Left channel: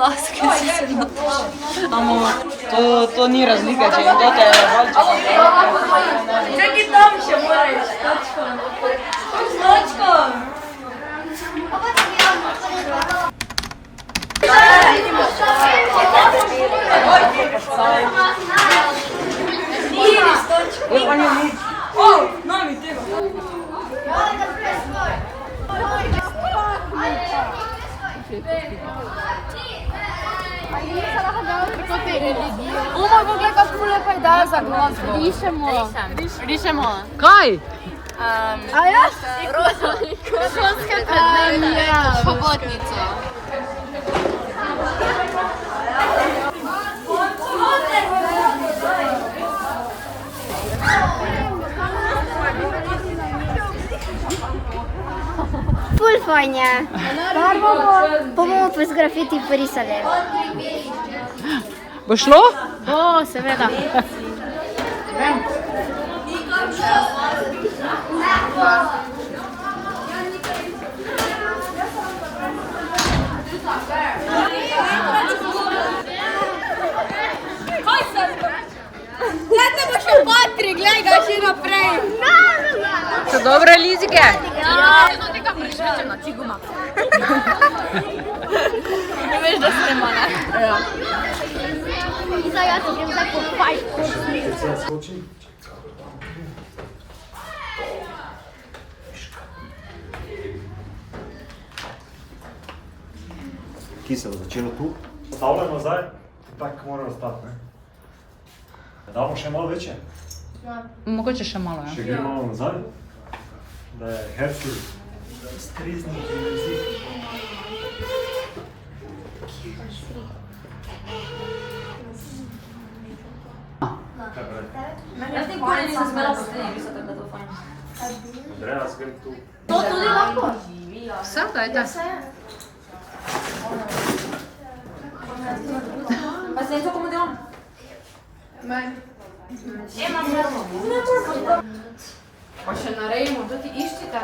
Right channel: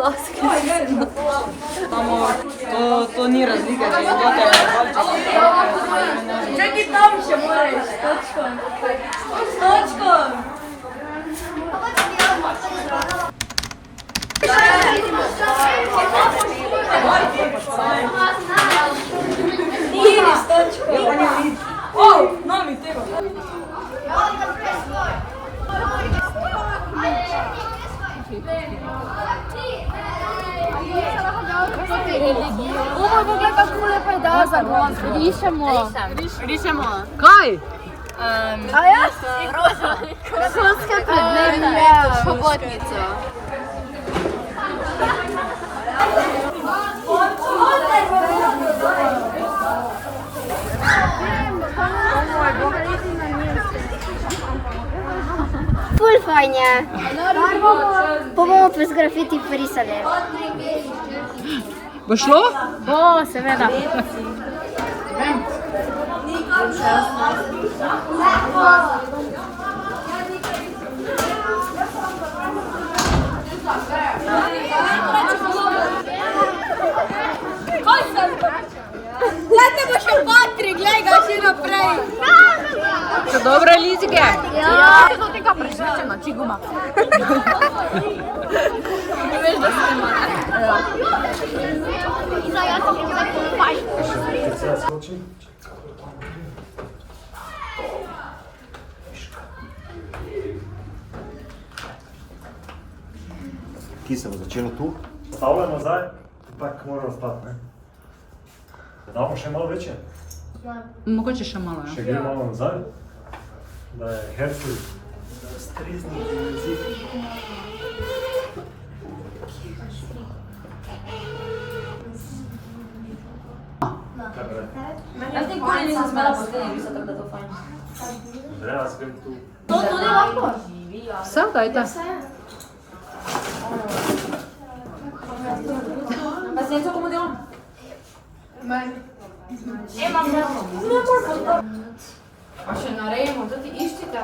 laske si se To ni razlika, če je to Čakaj, tam še moraš, s točkom. S točkom. Nami tega. Moj, poglej, kako lepa ideja za glas. Rišemo. Kaj? A jaz? Roza. Šolske predmete. Pobotnico. Ful fajn je. Pa bomo pa z grafiti porisali. Bo šlo? Bo, seveda. Glede bo še Patrik, glej ga še naprej. So dobre lizike? Ja. To tega prešvečeno, či guma. Ne veš, da se nema, ne? Ja. Ki se bo začelo tu? Stavljamo zdaj, tako moramo stati, ne? Damo še malo večje? Mogoče še malo, ja. Še gre malo nazaj, da je hercel. Strizni izziv. Kaj pravi? Jaz nikoli nisem smela poslednji pisati, tako da to fajn. Andreja, zgled tu. To tudi lahko? Vse, dajte. Pa se nekaj komu delam? Imam pravo. Ne moramo. Pa še narejemo, to ti iščite.